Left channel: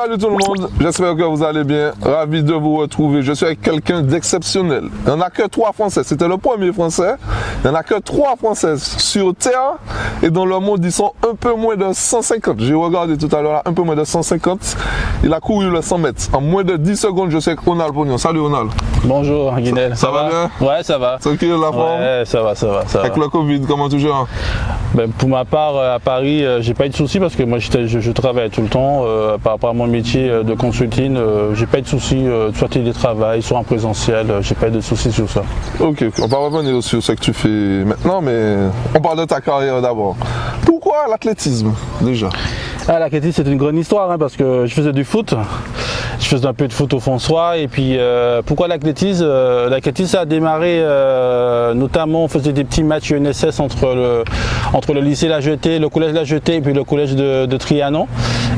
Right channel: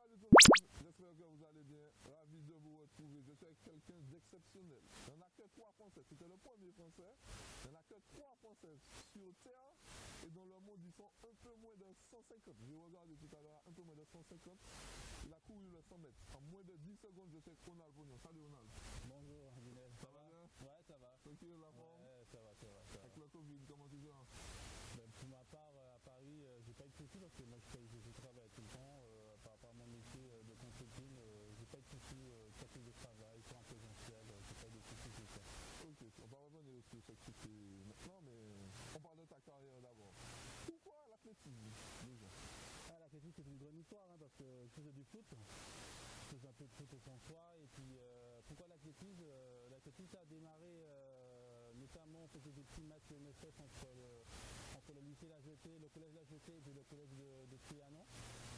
Salut tout le monde, j'espère que vous allez bien. Ravi de vous retrouver. Je suis avec quelqu'un d'exceptionnel. Il n'y en a que 3 Français. C'était le premier Français. Il n'y en a que 3 Français sur Terre. Et dans le monde, ils sont un peu moins de 150. J'ai regardé tout à l'heure, un peu moins de 150. Il a couru le 100 mètres. En moins de 10 secondes, je suis avec Ronald Pognon. Salut Ronald. Bonjour Guinel. Ça va bien? Ouais, ça va. Tranquille, la forme? Ouais, ça va. Avec le Covid, comment tu gères? Ben, pour ma part, à Paris, j'ai pas eu de soucis parce que moi je travaille tout le temps. Par rapport à mon métier de consulting, j'ai pas eu de soucis, soit télétravail, soit en présentiel, j'ai pas eu de soucis sur ça. Ok, on va revenir sur ce que tu fais maintenant, mais on parle de ta carrière d'abord. Pourquoi l'athlétisme déjà? L'athlétisme, c'est une grande histoire parce que je faisais du foot. Je faisais un peu de foot au François et puis pourquoi l'athlétisme? L'athlétisme ça a démarré notamment on faisait des petits matchs UNSS entre le lycée La Jetée, le collège La Jetée et puis le collège de Trianon.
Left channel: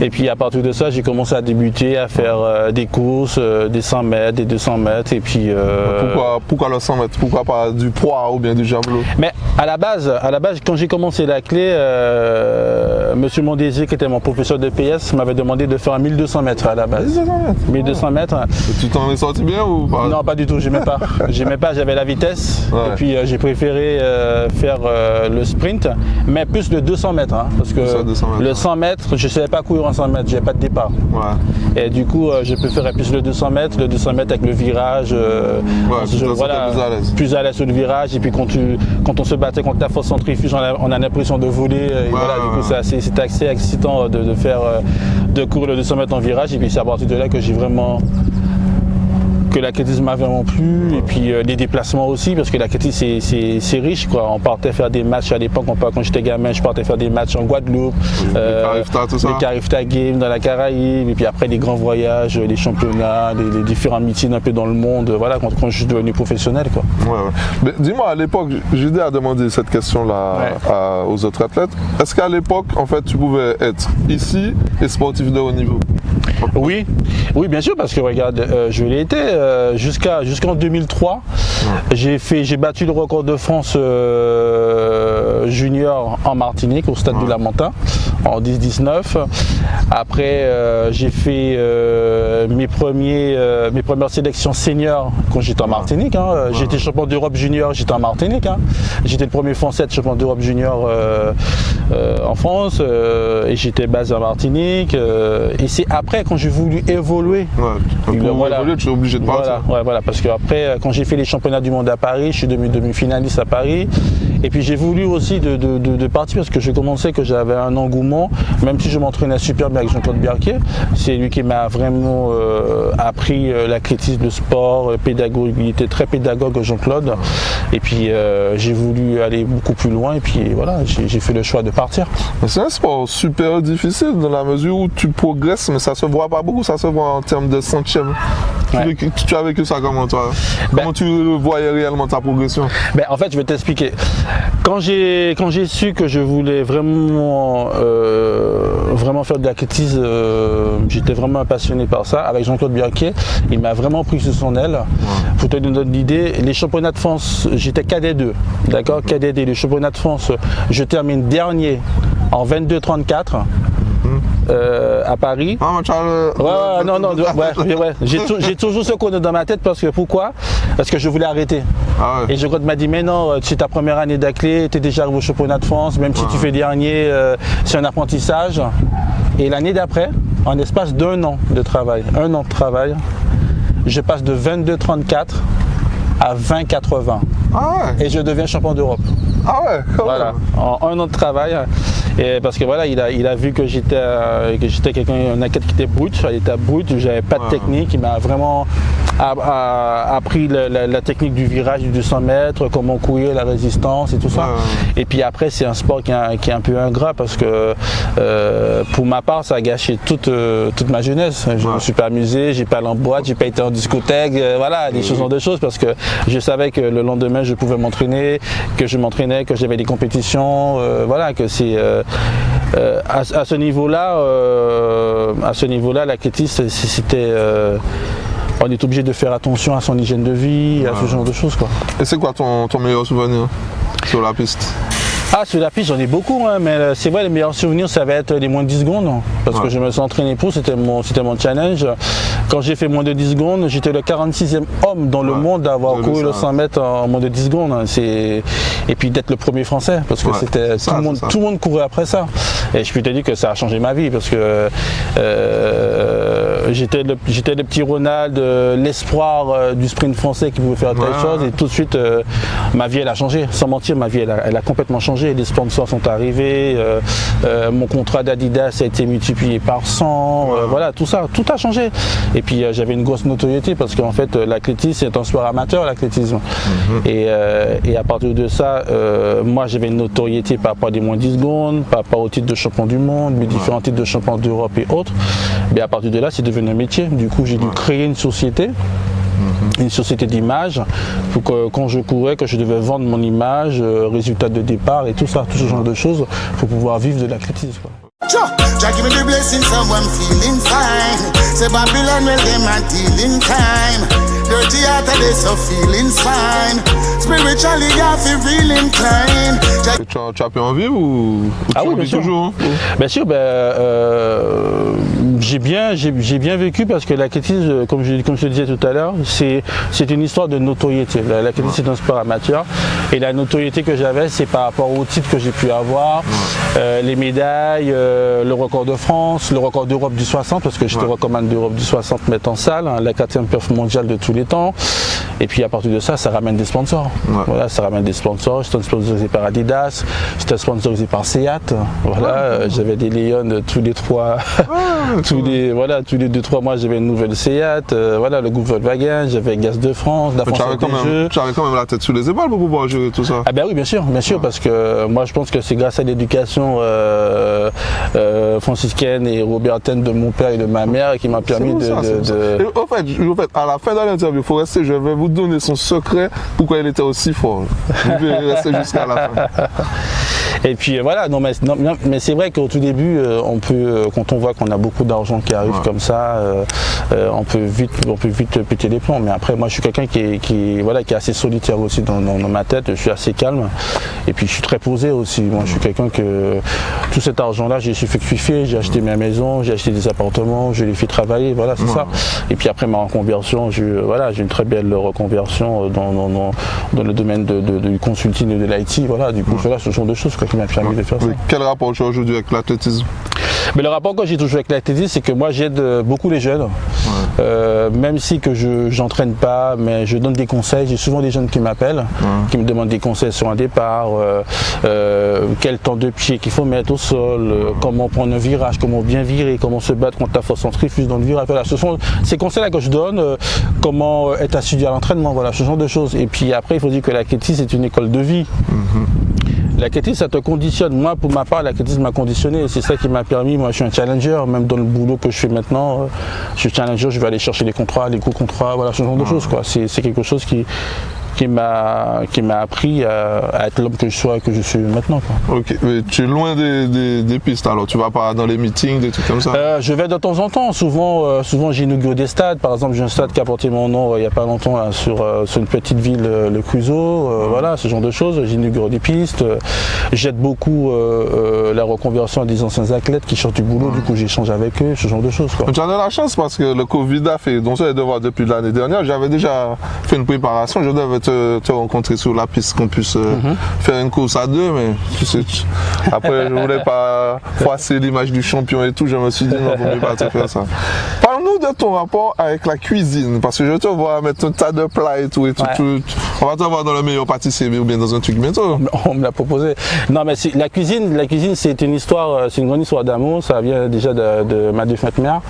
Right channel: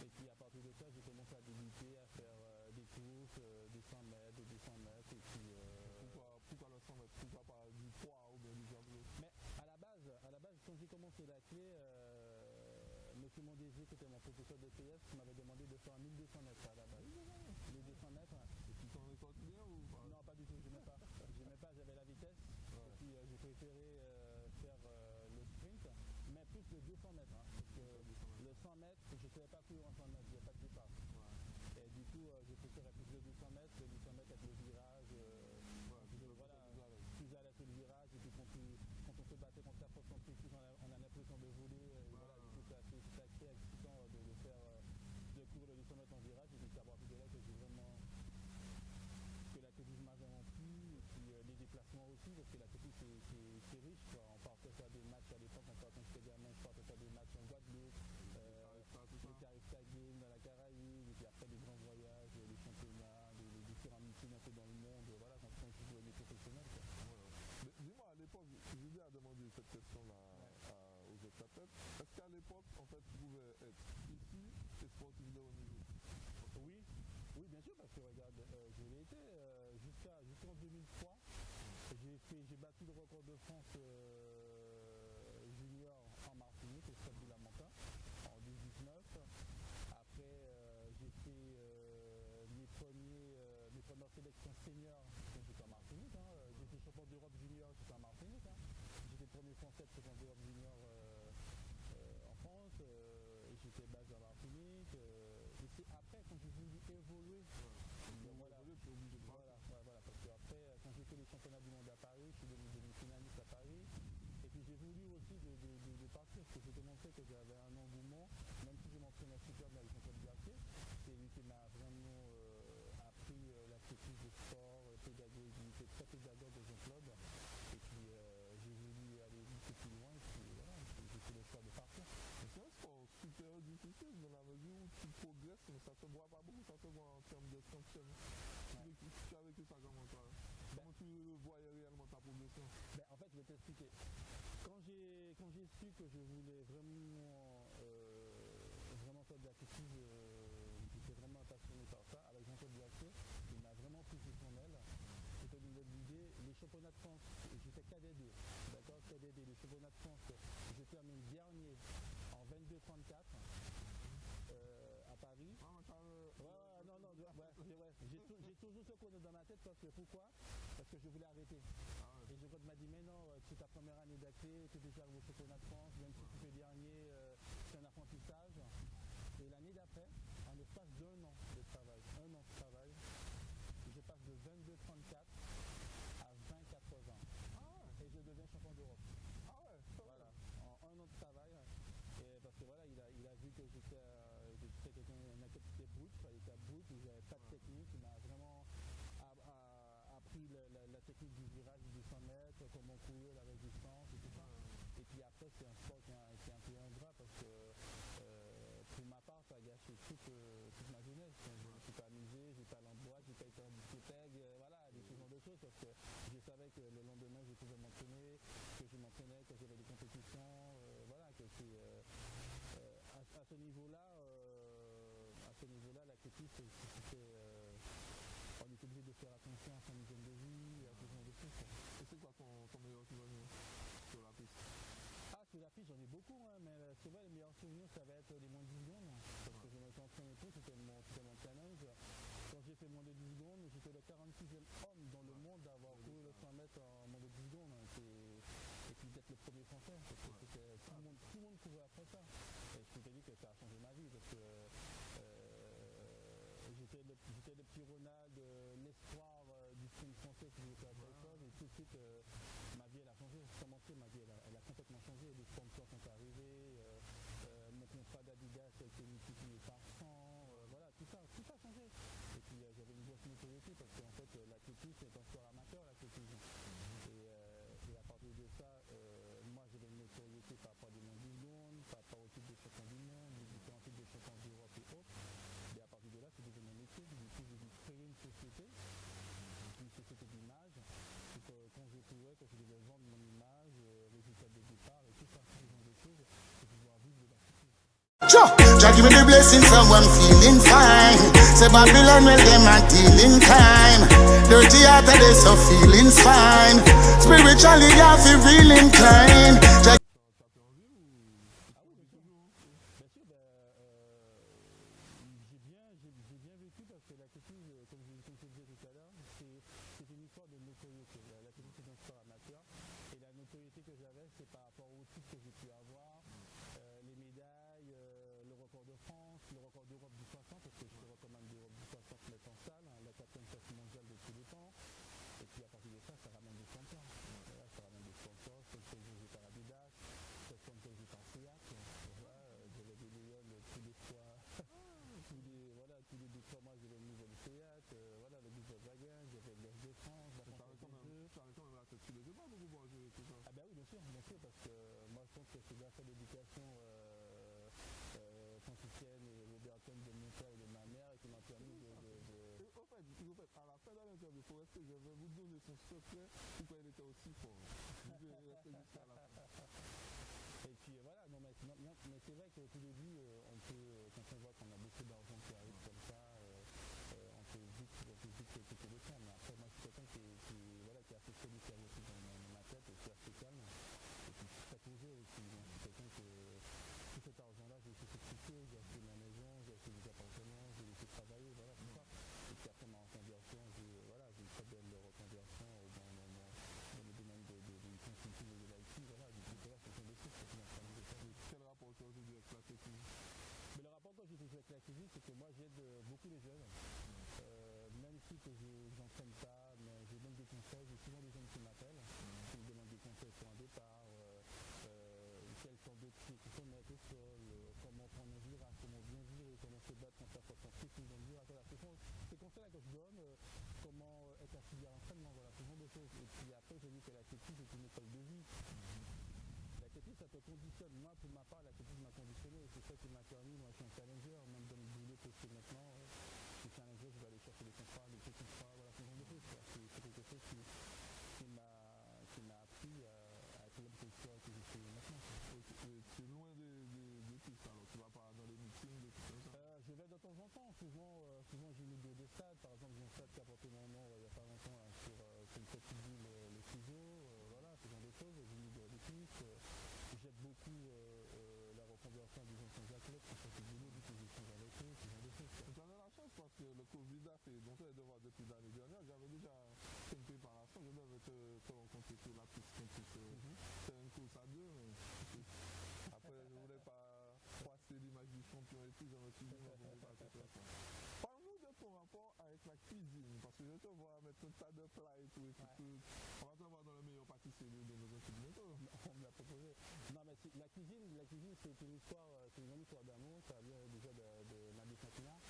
Et puis à partir de ça j'ai commencé à débuter, à faire des courses, des 100 mètres, des 200 mètres et puis... Pourquoi le 100 mètres? Pourquoi pas du poids ou bien du javelot? Mais à la base quand j'ai commencé la clé, Monsieur Mondésir qui était mon professeur de PS m'avait demandé de faire un 1200 mètres à la base. 1200 mètres. Et tu t'en es sorti bien ou pas? Non, pas du tout, j'aimais pas. J'avais la vitesse. Ouais. Et puis j'ai préféré faire le sprint, mais plus le 200 mètres. Parce que le 100 mètres, je ne savais pas courir en 100 mètres, j'avais pas de départ. Ouais. Et du coup, je préférais plus le 200 mètres avec le virage. Plus à l'aise sur le virage. Et puis quand on se battait contre la force centrifuge, on a l'impression de voler. Et voilà, du coup, c'était assez excitant de courir le 200 mètres en virage. Et puis c'est à partir de là que j'ai vraiment l'athlétisme m'a vraiment plu et puis les déplacements aussi parce que l'athlétisme c'est riche quoi. On partait faire des matchs à l'époque, quand j'étais gamin, je partais faire des matchs en Guadeloupe, les Carifta Games dans la Caraïbe et puis après les grands voyages, les championnats, les différents meetings un peu dans le monde, voilà quand je suis devenu professionnel quoi. Ouais. Mais dis-moi à l'époque, Judy a demandé cette question là aux autres athlètes. Est-ce qu'à l'époque en fait tu pouvais être ici et sportif de haut niveau? Oui, bien sûr, parce que regarde, je l'ai été jusqu'en 2003. J'ai battu le record de France junior en Martinique au stade du Lamentin en 10-19. Après, j'ai fait mes premières sélections seniors quand j'étais en Martinique. J'étais champion d'Europe junior, j'étais en Martinique. J'étais le premier Français de champion d'Europe junior en France et j'étais basé en Martinique. Et c'est après quand j'ai voulu évoluer. Pour évoluer, tu es obligé de partir. Voilà, parce qu'après, quand j'ai fait les championnats du monde à Paris, je suis devenu demi-finaliste à Paris. Et puis j'ai voulu aussi de partir parce que je commençais que j'avais un engouement, même si je m'entraînais super bien avec Jean-Claude Biarquet. C'est lui qui m'a vraiment appris l'athlétisme, le sport, pédagogue. Il était très pédagogue Jean-Claude. Et puis j'ai voulu aller beaucoup plus loin et puis voilà, j'ai fait le choix de partir. C'est un sport super difficile dans la mesure où tu progresses, mais ça se voit pas beaucoup, ça se voit en termes de centièmes. Tu as vécu ça comment toi? Comment tu voyais réellement ta progression? En fait, je vais t'expliquer. Quand j'ai su que je voulais vraiment faire de l'athlétisme, j'étais vraiment passionné par ça. Avec Jean-Claude Bianquet, il m'a vraiment pris sous son aile. Pour te donner une idée, les championnats de France, j'étais cadet 2, d'accord, cadet 2. Les championnats de France, je termine dernier en 22-34. À Paris. J'ai toujours ce chrono dans ma tête parce que je voulais arrêter. Et Jean-Claude m'a dit mais non, c'est ta première année d'athlé, tu es déjà arrivé au championnat de France, même si tu fais dernier, c'est un apprentissage. Et l'année d'après, en espace d'un an de travail, je passe de 22-34 à 20-80. Et je deviens champion d'Europe. Voilà, en un an de travail. Et parce que voilà, il a vu que j'étais un athlète qui était brut, j'avais pas de technique. Il m'a vraiment appris la technique du virage du 200 mètres, comment courir, la résistance et tout ça. Et puis après, c'est un sport qui est un peu ingrat parce que pour ma part, ça a gâché toute ma jeunesse. Je ne me suis pas amusé, j'ai pas allé en boîte, j'ai pas été en discothèque, voilà, des choses parce que je savais que le lendemain, je pouvais m'entraîner, que j'avais des compétitions, voilà, que c'est à ce niveau-là, l'athlétisme, c'était on est obligé de faire attention à son hygiène de vie, à ce genre de choses quoi. Et c'est quoi ton meilleur souvenir sur la piste? Ah, sur la piste, j'en ai beaucoup, hein, mais c'est vrai, les meilleurs souvenirs, ça va être les moins de 10 secondes. Parce que je me suis entraîné pour, c'était mon challenge. Quand j'ai fait moins de 10 secondes, j'étais le 46e homme dans le monde à avoir couru le 100 mètres en moins de 10 secondes. Et puis d'être le premier français, parce que c'était tout le monde courait après ça. Et je peux te dire que ça a changé ma vie, parce que j'étais le petit Ronald, l'espoir du sprint français qui pouvait faire telle chose. Et tout de suite, ma vie, elle a changé. Sans mentir, ma vie, elle a complètement changé. Les sponsors sont arrivés, mon contrat d'Adidas a été multiplié par 100, voilà, tout ça, tout a changé. Et puis j'avais une grosse notoriété parce qu'en fait l'athlétisme c'est un sport amateur, l'athlétisme. Et à partir de ça, moi j'avais une notoriété par rapport à des moins 10 secondes, par rapport au titre de champion du monde, mes différents titres de champion d'Europe et autres. Mais à partir de là, c'est devenu un métier. Du coup, j'ai dû créer une société d'image pour que quand je courais, que je devais vendre mon image, résultat de départ et tout ça, tout ce genre de choses pour pouvoir vivre de l'athlétisme. Jah give me the blessing, someone feeling fine. Say Babylon, well, them a dealing crime. Dirty heart, they so feeling fine. Spiritually, you feel real inclined. Tu as pu en vivre ou ah tu oui, en vis toujours? Bien sûr, j'ai bien vécu parce que l'athlétisme, comme je te disais tout à l'heure, c'est une histoire de notoriété. L'athlétisme c'est un sport amateur et la notoriété que j'avais, c'est par rapport aux titres que j'ai pu avoir, les médailles, le record de France, le record d'Europe du 60 parce que j'étais recommande d'Europe du 60 mètres en salle, la 4e perf mondiale de tous les temps. Et puis à partir de ça, ça ramène des sponsors. Voilà, ça ramène des sponsors. J'étais sponsorisé par Adidas, j'étais sponsorisé par Seat. Voilà, j'avais des Leon tous les 2-3 mois, j'avais une nouvelle Seat. Voilà, le groupe Volkswagen, j'avais Gaz de France, la France des Jeux. Tu avais quand même la tête sous les épaules pour pouvoir gérer tout ça. Ah ben oui, bien sûr, parce que moi je pense que c'est grâce à l'éducation franciscaine et robertaine de mon père et de ma mère qui m'a permis de... En fait, à la fin de l'interview, il faut rester, je vais vous donner son secret pourquoi il était aussi fort. Vous pouvez rester jusqu'à la fin. Et puis voilà, mais c'est vrai qu'au tout début, quand on voit qu'on a beaucoup d'argent qui arrive comme ça, on peut vite péter les plombs. Mais après, moi je suis quelqu'un qui est assez solitaire aussi dans ma tête, je suis assez calme. Et puis je suis très posé aussi. Moi je suis quelqu'un que tout cet argent-là, j'ai fait kiffer, j'ai acheté ma maison, j'ai acheté des appartements, je les fais travailler, voilà, c'est ça. Et puis après ma reconversion, j'ai une très belle reconversion dans le domaine du consulting et de l'IT, voilà, du coup, voilà, ce genre de choses qui m'a permis de faire ça. Quel rapport tu as aujourd'hui avec l'athlétisme? Mais le rapport que j'ai toujours avec l'athlétisme, c'est que moi j'aide beaucoup les jeunes, même si que je n'entraîne pas, mais je donne des conseils. J'ai souvent des jeunes qui m'appellent, qui me demandent des conseils sur un départ, quel temps de pied qu'il faut mettre au sol, comment prendre un virage, comment bien virer, comment se battre contre la force centrifuge dans le virage. Voilà, ce sont ces conseils-là que je donne, comment être assidu à l'entraînement, voilà, ce genre de choses. Et puis après, il faut dire que l'athlétisme c'est une école de vie. L'athlétisme, ça te conditionne. Moi, pour ma part, l'athlétisme m'a conditionné. C'est ça qui m'a permis. Moi, je suis un challenger. Même dans le boulot que je fais maintenant, je suis challenger. Je vais aller chercher les contrats, les gros contrats, voilà, ce genre de choses, quoi. C'est quelque chose qui m'a appris à être l'homme que je suis maintenant, quoi. Ok, mais tu es loin des pistes alors, tu vas pas dans les meetings, des trucs comme ça? Je vais de temps en temps, souvent j'inaugure des stades, par exemple j'ai un stade qui a porté mon nom il n'y a pas longtemps là, sur une petite ville, le Creusot, voilà, ce genre de choses, j'inaugure des pistes, j'aide beaucoup la reconversion des anciens athlètes qui sortent du boulot, du coup j'échange avec eux, ce genre de choses, quoi. Tu as de la chance parce que le Covid a fait, donc ça je devoir depuis l'année dernière, j'avais déjà fait une préparation, je devais te rencontrer sur la piste, qu'on puisse faire une course à deux, mais tu sais, après je voulais pas froisser l'image du champion et tout, je me suis dit non, il ne faut pas te faire ça. Parle-nous de ton rapport avec la cuisine, parce que je te vois mettre un tas de plats et tout, on va te voir dans le meilleur pâtissier ou bien dans un truc bientôt. On me l'a proposé. Non mais la cuisine c'est une histoire, c'est une grande histoire d'amour, ça vient déjà de ma défunte mère.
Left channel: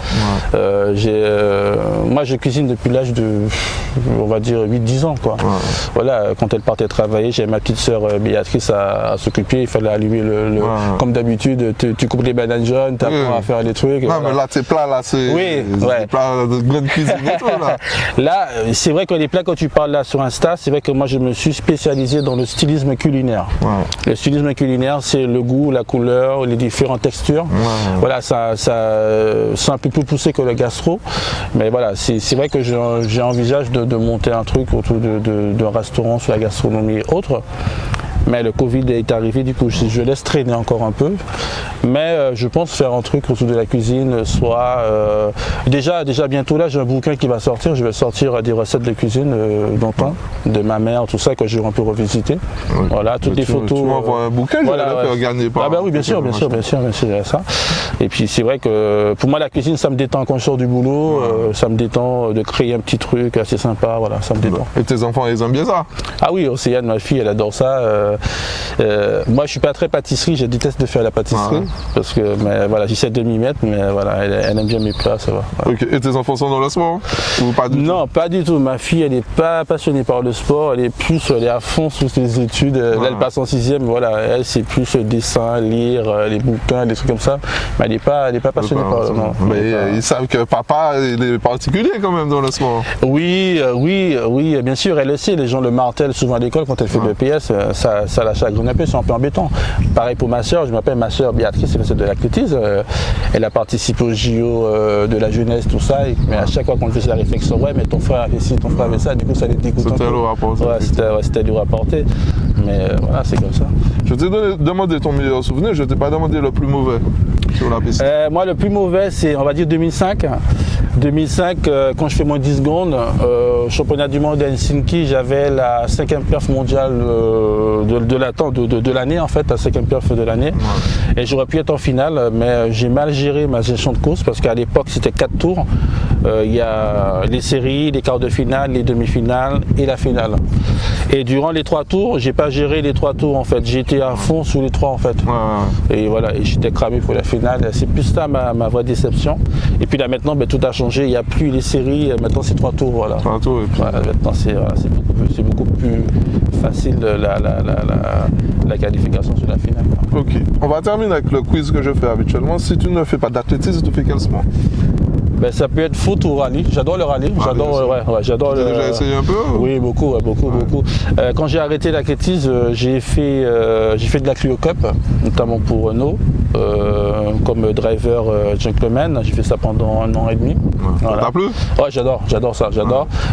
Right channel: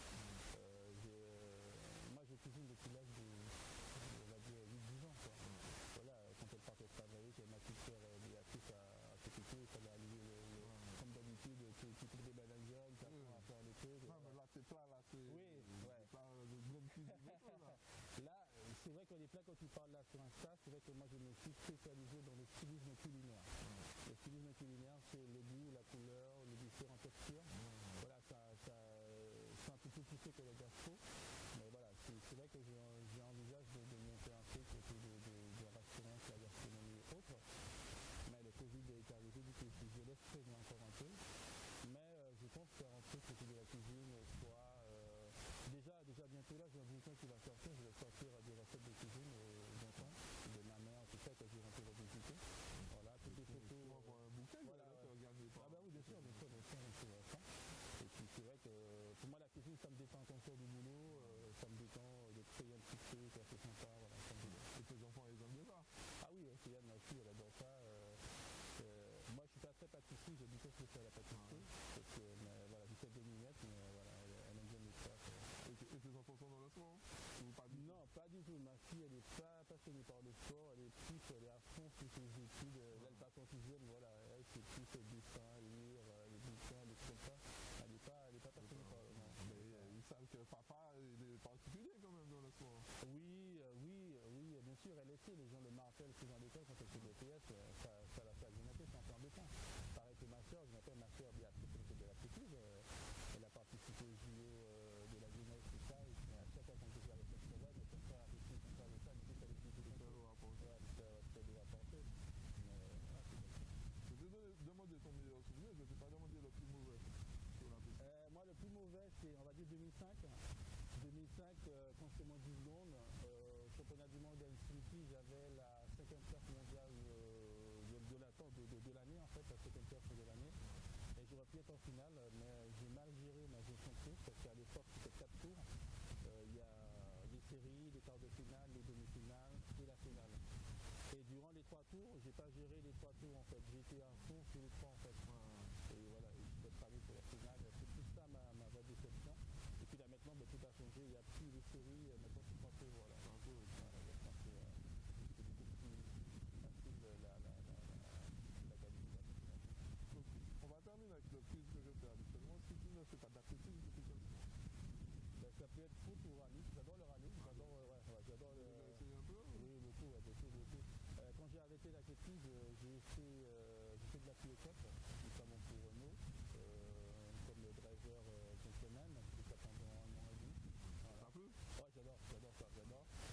Moi je cuisine depuis l'âge de, on va dire 8-10 ans, quoi. Voilà, quand elle partait travailler, j'avais ma petite sœur Béatrice à s'occuper, il fallait allumer comme d'habitude, tu coupes les bananes jaunes, tu apprends à faire les trucs. Non, voilà. Mais là, tes plats, là, c'est des plats de grande cuisine et tout, là. Là, c'est vrai que les plats, quand tu parles là sur Insta, c'est vrai que moi, je me suis spécialisé dans le stylisme culinaire. Le stylisme culinaire, c'est le goût, la couleur, les différentes textures. Voilà, c'est un peu plus poussé que le gastro. Mais voilà, c'est vrai que j'envisage de monter un truc autour d'un restaurant sur la gastronomie et autres. Mais le Covid est arrivé, du coup je laisse traîner encore un peu. Mais je pense faire un truc autour de la cuisine, soit déjà bientôt là j'ai un bouquin qui va sortir, je vais sortir des recettes de cuisine d'antan, de ma mère, tout ça que je vais un peu revisiter. Oui. Voilà, toutes les photos. Tu m'envoies un bouquin, je vais le faire gagner par. Ah bah oui, bien sûr, ça. Et puis c'est vrai que pour moi la cuisine ça me détend quand je sors du boulot, ça me détend de créer un petit truc assez sympa, voilà, ça me détend. Et tes enfants ils aiment bien ça? Ah oui, Océane, ma fille, elle adore ça. Moi je suis pas très pâtisserie, je déteste de faire la pâtisserie. Parce que voilà, j'essaie de m'y mettre, mais voilà, elle aime bien mes plats, ça va. Voilà. Okay. Et tes enfants sont dans le sport ou pas du tout? Non, pas du tout. Ma fille, elle n'est pas passionnée par le sport, elle est à fond sur ses études. Là, elle passe en 6e, voilà, elle c'est plus le dessin, lire, les bouquins, des trucs comme ça. Mais elle n'est pas passionnée par le sport. Mais ils savent que papa il est particulier quand même dans le sport. Oui, bien sûr, elle le sait. Les gens le martèlent souvent à l'école quand elle fait le PS, ça la chagrine un peu, c'est un peu embêtant. Pareil pour ma soeur, je m'appelle ma soeur Béatrice, c'est de l'athlétisme, elle a participé au JO de la jeunesse, tout ça, mais à chaque fois qu'on faisait la réflexion, ouais mais ton frère avait ci, ton frère avait ça, du coup ça les dégoûte un peu. C'était lourd à porter. C'était lourd à porter, mais voilà, c'est comme ça. Je t'ai demandé ton meilleur souvenir, je t'ai pas demandé le plus mauvais sur la piste. Moi le plus mauvais c'est, on va dire 2005. 2005, quand je fais mon 10 secondes, championnat du monde à Helsinki, j'avais la 5e perf mondiale de l'année en fait, la 5e perf de l'année. Et j'aurais pu être en finale, mais j'ai mal géré ma gestion de course parce qu'à l'époque c'était 4 tours. Il y a les séries, les quarts de finale, les demi-finales et la finale. Et durant les 3 tours, j'ai pas géré les 3 tours en fait. J'étais à fond sous les 3 en fait. Et voilà, et j'étais cramé pour la finale. C'est plus ça ma vraie déception. Et puis là maintenant, tout a changé. Il n'y a plus les séries. Maintenant c'est 3 tours. Voilà. 3 tours et puis... voilà, maintenant c'est beaucoup plus facile la qualification sur la finale. Ok. On va terminer avec le quiz que je fais habituellement. Si tu ne fais pas d'athlétisme, tu fais quel sport? Ça peut être foot ou rallye. J'adore le rallye. J'adore le. Tu as déjà essayé un peu? Oui, beaucoup. Quand j'ai arrêté l'athlétisme, j'ai fait de la Clio Cup, notamment pour Renault, comme driver gentleman. J'ai fait ça pendant 1 an et demi. Ça t'a plu? Ouais, j'adore ça.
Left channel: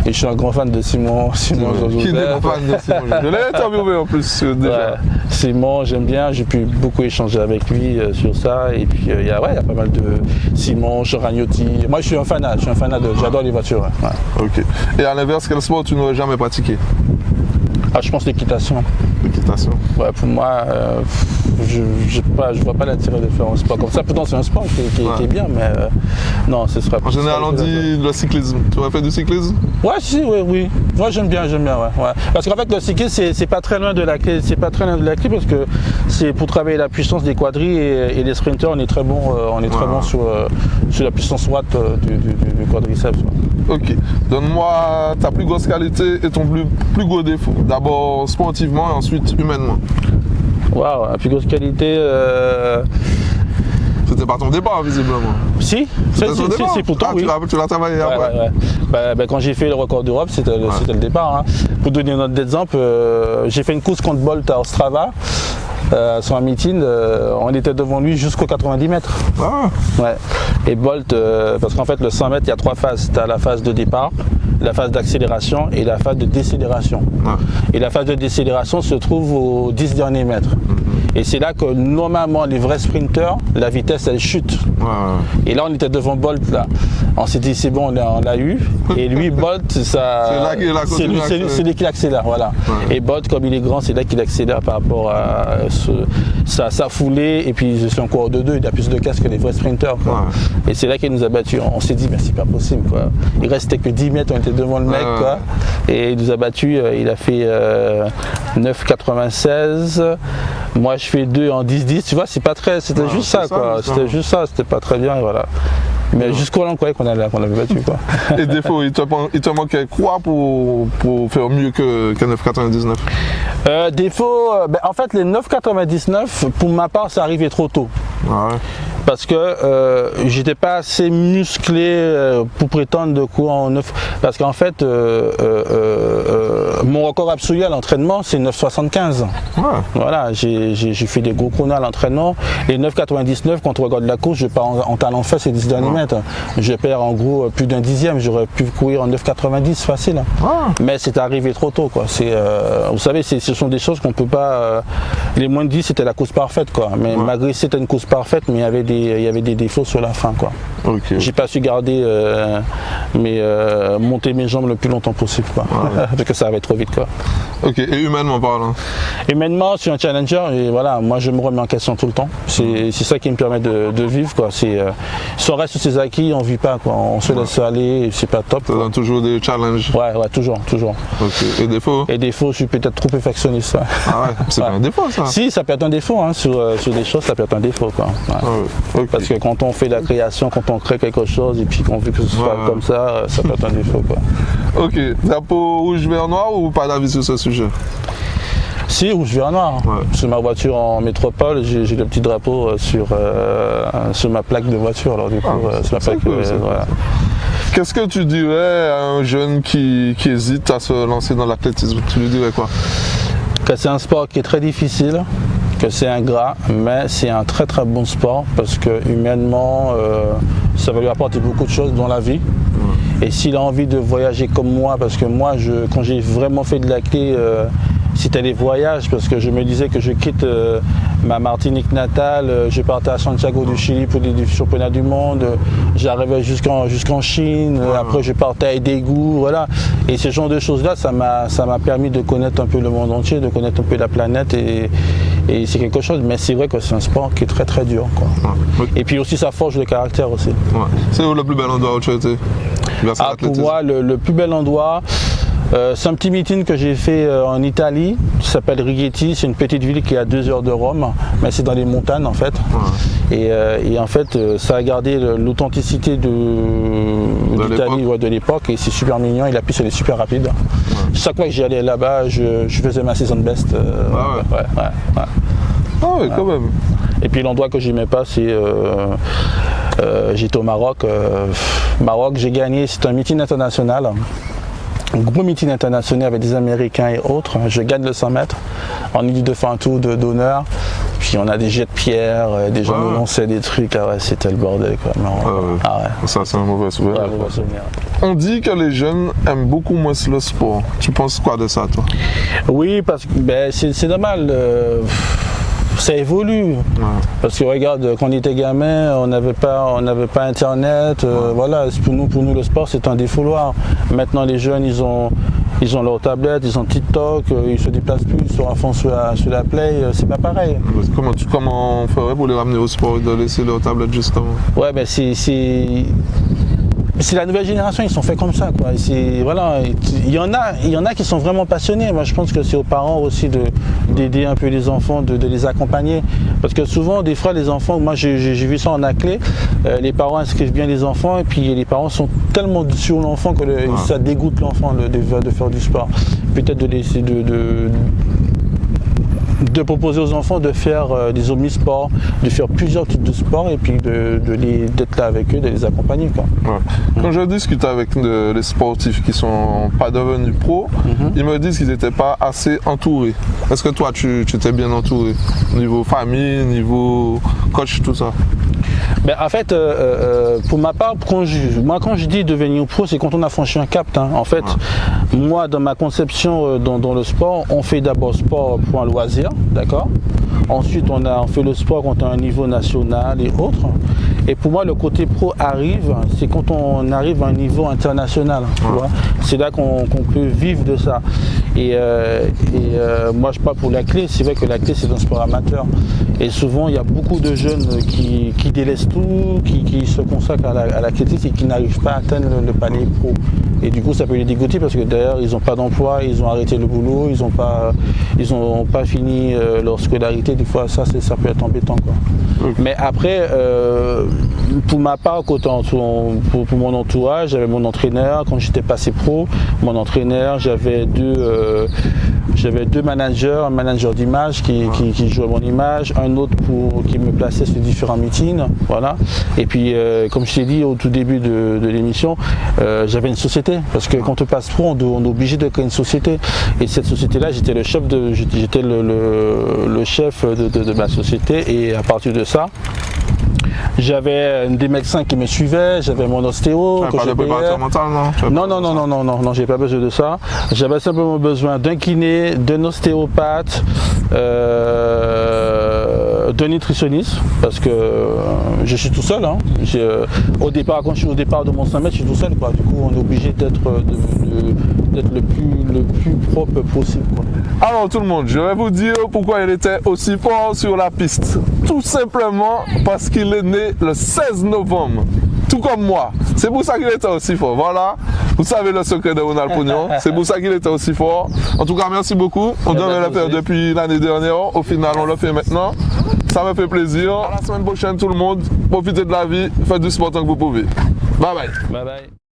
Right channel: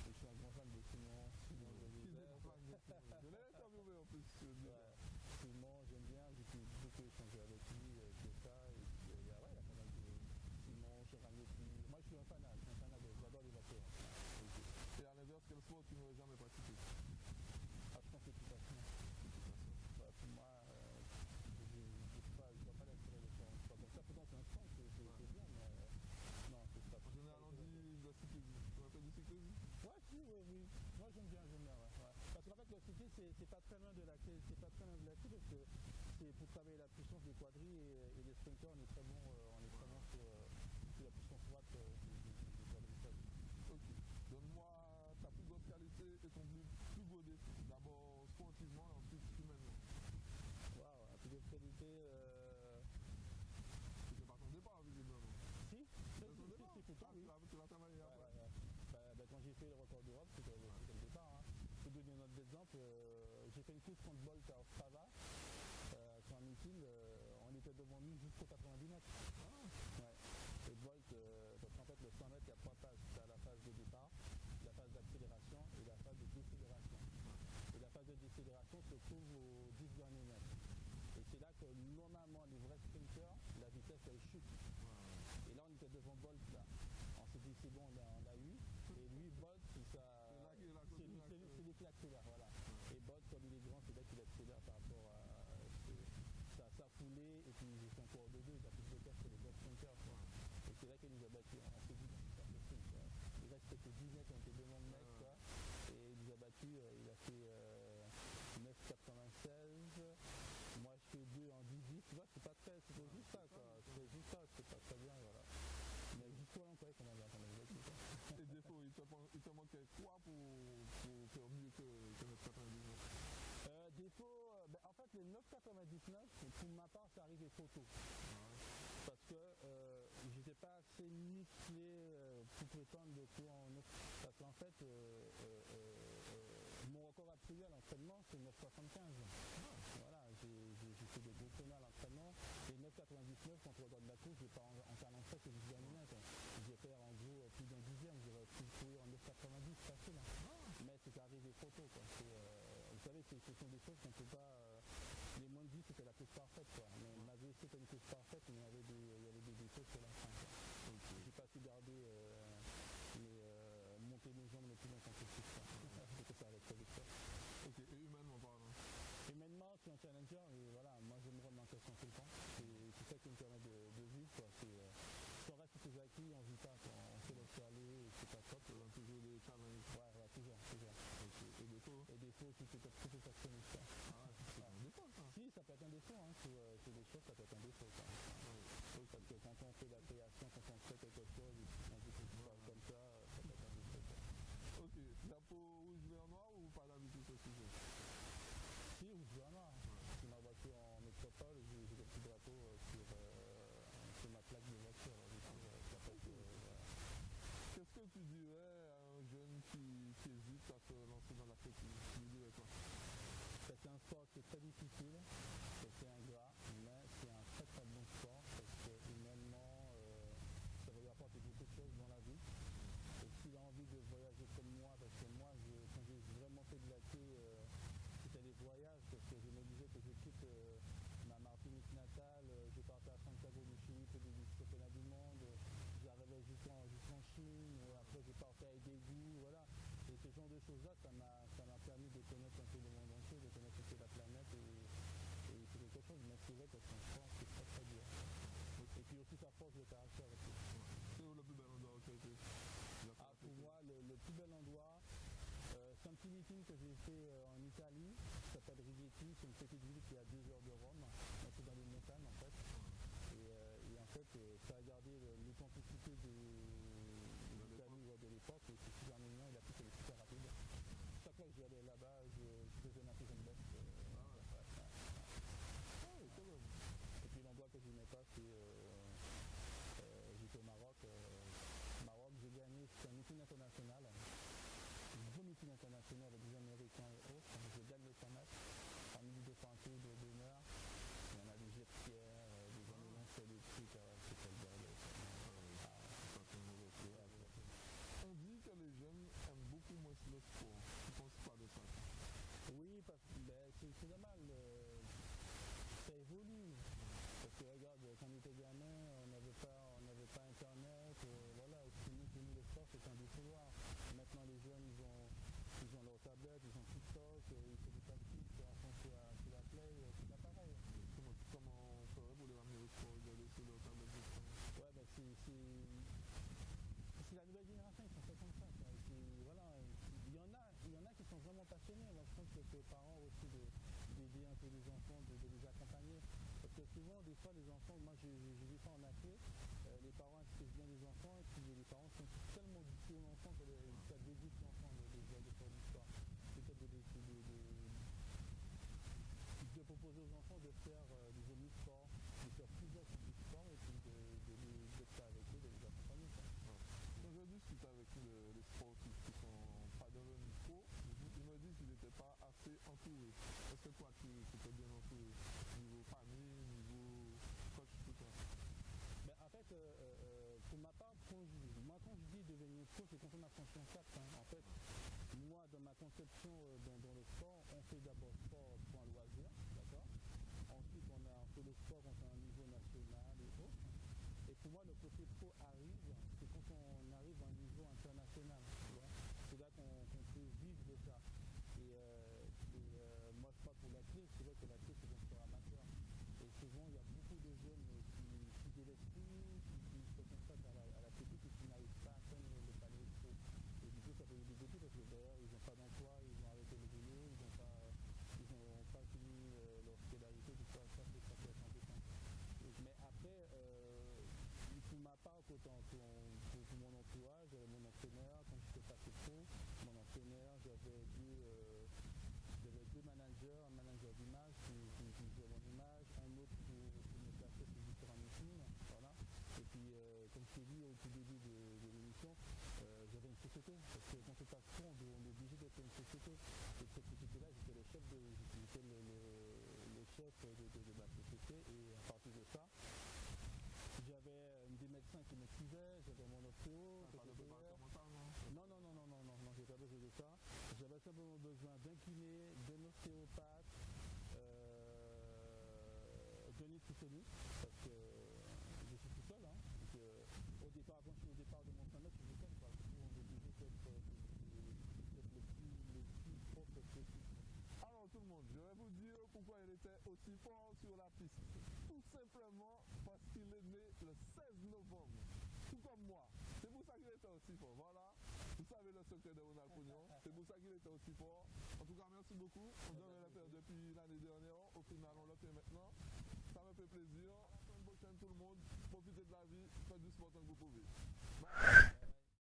Et je suis un grand fan de Simon Joseph. Qui n'est pas fan de Simon? Je l'ai interviewé en plus déjà. Ouais. Simon, j'aime bien. J'ai pu beaucoup échanger avec lui sur ça. Et puis il y a pas mal de Simon, Joragnotti. Moi, je suis un fanat j'adore les voitures. Ouais. Ok. Et à l'inverse, quel sport tu n'aurais jamais pratiqué? Je pense l'équitation. L'équitation? Ouais, pour moi, je vois pas l'intérêt de faire un sport comme ça. Pourtant, c'est un sport qui est bien, mais non, ce sera. En général, on dit le cyclisme. Tu vas faire du cyclisme? Oui. Moi, j'aime bien, ouais. Parce qu'en fait, le cyclisme, c'est pas très loin de la clé. C'est pas très loin de la clé parce que c'est pour travailler la puissance des quadrilles et les sprinters, on est très bon. Sur la puissance watt du quadriceps. Ok. Donne-moi ta plus grosse qualité et ton plus gros défaut. D'abord sportivement et ensuite humainement. Waouh, la plus grosse qualité. C'était pas ton départ visiblement. Si, pourtant oui. Tu l'as travaillé après. Ouais. Quand j'ai fait le record d'Europe, c'était le départ. Pour donner un autre exemple, j'ai fait une course contre Bolt à Ostrava. Sur un meeting, on était devant lui jusqu'aux 90 mètres. Ouais. Et Bolt, parce qu'en fait le 100 mètres, il y a 3 phases. Tu as la phase de départ, la phase d'accélération et la phase de décélération. Et la phase de décélération se trouve aux 10 derniers mètres. Et c'est là que normalement les vrais sprinteurs, la vitesse elle chute. Et là on était devant Bolt là. On s'est dit c'est bon, on l'a eu. Et lui Bolt, c'est lui qui accélère, voilà. Et Bolt comme il est grand, c'est là qu'il accélère par rapport à sa foulée. Et puis c'est un coureur de 2, il a plus de casse que les vrais sprinteurs. Et c'est là qu'il nous a battus. On s'est dit mais c'est pas possible quoi. Il restait que 10 mètres, on était devant le mec quoi. Et il nous a battus, il a fait 9,96. Moi je fais 2 en 10-10, tu vois, c'est pas très. C'était juste ça quoi. C'était juste ça, c'était pas très bien et voilà. Mais jusqu'au là on croyait qu'on avait battu quoi. Et défaut, il te manquait quoi pour faire mieux que 9,99? Défaut, en fait les 9,99 pour ma part ça arrivait trop tôt. Parce que j'étais pas assez musclé pour prétendre de courir en 9. Parce qu'en fait, mon record absolu à l'entraînement, c'est 9,75. Ouais. Voilà, j'ai fait des gros chronos à l'entraînement. Les 9,99, quand on regarde la course, je pars en talent fait ces 10 derniers mètres. Je perds en gros plus d'un dixième. J'aurais pu courir en 9,90 facile. Mais c'est arrivé trop tôt, quoi. Vous savez, ce sont des choses qu'on peut pas. Les moins de 10, c'était la course parfaite, quoi. Mais malgré que c'était une course parfaite, mais il y avait des défauts sur la fin, quoi. Okay. J'ai pas su garder monter mes jambes le plus longtemps possible, quoi. Parce que ça va trop vite, quoi. Ok, et humainement parlant? Humainement, je suis un challenger et voilà, moi je me remets en question tout le temps. C'est ça qui me permet de vivre, quoi. Si on reste sur ses acquis, on vit pas, quoi. On se laisse aller et c'est pas top. Ça donne toujours des challenges? Ouais, toujours. Ok, et défauts? Et défauts, je suis peut-être trop perfectionniste. Ouais. Ah ouais, c'est pas un défaut, ça? Si, ça peut être un défaut, hein. Sur des choses, ça peut être un défaut, quoi. Okay. Parce que quand on fait de la création, quand on crée quelque chose et puis qu'on veut que ce soit comme ça peut être un défaut, quoi. Ok, drapeau rouge, vert, noir ou pas d'avis sur ce sujet? Si, rouge, vert, noir. Sur ma voiture en métropole, j'ai le petit drapeau sur ma plaque de voiture. Alors du coup, sur ma plaque, voilà. Qu'est-ce que tu dirais à un jeune qui hésite à se lancer dans l'athlétisme? Tu lui dirais quoi? Que c'est un sport qui est très difficile, que c'est ingrat, mais c'est un très très bon sport parce que humainement, ça va lui apporter beaucoup de choses dans la vie. Et s'il a envie de voyager comme moi, parce que moi, quand j'ai vraiment fait de l'athlé, c'était les voyages, parce que je me disais que je quitte ma Martinique natale, je partais à Santiago du Chili pour les championnats du monde, j'arrivais jusqu'en Chine, après je partais à Edégou, voilà. Et ce genre de choses-là, ça m'a permis de connaître un peu le monde entier, de connaître un peu la planète, et c'est quelque chose, mais c'est vrai que c'est un sport qui est très très dur, quoi. Et puis aussi ça forge le caractère aussi. C'est où le plus bel endroit où tu as été? Pour moi, le plus bel endroit, c'est un petit meeting que j'ai fait en Italie, qui s'appelle Rigetti. C'est une petite ville qui est à 2 heures de Rome, mais c'est dans les montagnes en fait. Et en fait, ça a gardé l'authenticité de l'Italie de l'époque, et c'est super mignon. Et la piste elle est super rapide. Chaque fois que j'y allais là-bas, je faisais ma season best. Quand même. Et puis l'endroit que j'aimais pas, c'est j'étais au Maroc. Maroc, j'ai gagné. C'est un meeting international. Un gros meeting international avec des Américains et autres. Je gagne le 100 mètres. On est dit de faire un tour d'honneur. Puis on a des jets de pierre, des gens nous lançaient des trucs. C'était le bordel, quoi. Ça, c'est un mauvais souvenir. On dit que les jeunes aiment beaucoup moins le sport. Tu penses quoi de ça, toi? Oui, parce que c'est normal. Ça évolue. Parce que regarde, quand on était gamin, on n'avait pas internet. Voilà, pour nous le sport c'est un défouloir. Maintenant les jeunes ils ont leur tablette, ils ont TikTok, ils se déplacent plus, ils sont à fond sur la play, c'est pas pareil. Comment on ferait pour les ramener au sport et de laisser leur tablette justement? Ouais, ben c'est la nouvelle génération, ils sont faits comme ça, quoi. Voilà, il y en a qui sont vraiment passionnés. Moi, je pense que c'est aux parents aussi d'aider un peu les enfants, de les accompagner. Parce que souvent, des fois, les enfants, moi j'ai vu ça en athlé, les parents inscrivent bien les enfants et puis les parents sont tellement sur l'enfant que ça dégoûte l'enfant de faire du sport. Peut-être de laisser de proposer aux enfants de faire des omnisports, de faire plusieurs types de sports et puis d'être là avec eux, de les accompagner, quoi. Quand je discute avec les sportifs qui ne sont pas devenus pros, ils me disent qu'ils n'étaient pas assez entourés. Est-ce que toi, tu t'es bien entouré? Niveau famille, niveau coach, tout ça? En fait, pour ma part, quand je dis devenir pro, c'est quand on a franchi un cap. En fait, moi, dans ma conception dans le sport, on fait d'abord sport pour un loisir, d'accord? Ensuite, on fait le sport quand on a un niveau national et autres. Et pour moi, le côté pro arrive, c'est quand on arrive à un niveau international. C'est là qu'on peut vivre de ça. Et moi, je parle pour l'athlé. C'est vrai que l'athlé, c'est un sport amateur. Et souvent, il y a beaucoup de jeunes qui délaissent tout, qui se consacrent à l'athlétisme et qui n'arrivent pas à atteindre le palier pro. Et du coup, ça peut les dégoûter parce que d'ailleurs, ils n'ont pas d'emploi, ils ont arrêté le boulot, ils n'ont pas fini leur scolarité. Des fois, ça peut être embêtant, quoi. Mais après, pour ma part, pour mon entourage, j'avais mon entraîneur quand j'étais passé pro. Mon entraîneur, j'avais J'avais deux managers, un manager d'image qui jouait mon image, un autre qui me plaçait sur différents meetings. Voilà. Et puis, comme je t'ai dit au tout début de l'émission, j'avais une société. Parce que quand on passe pro, on est obligé de créer une société. Et cette société-là, j'étais le chef de ma société. Et à partir de ça, j'avais des médecins qui me suivaient, j'avais mon ostéo. Pas de préparateur mental, non? Non, j'ai pas besoin de ça. J'avais simplement besoin d'un kiné, d'un ostéopathe, d'un nutritionniste, parce que je suis tout seul. Hein. Quand je suis au départ de mon 100 mètres, je suis tout seul. Quoi. Du coup, on est obligé d'être le plus propre possible. Quoi. Alors tout le monde, je vais vous dire pourquoi il était aussi fort sur la piste. Tout simplement parce qu'il est né le 16 novembre, tout comme moi. C'est pour ça qu'il était aussi fort. Voilà, vous savez le secret de Ronald Pognon. C'est pour ça qu'il était aussi fort. En tout cas, merci beaucoup. On devait le faire depuis l'année dernière. Au final, on le fait maintenant. Ça me fait plaisir. À la semaine prochaine, tout le monde. Profitez de la vie. Faites du sport tant que vous pouvez. Bye bye. Bye bye.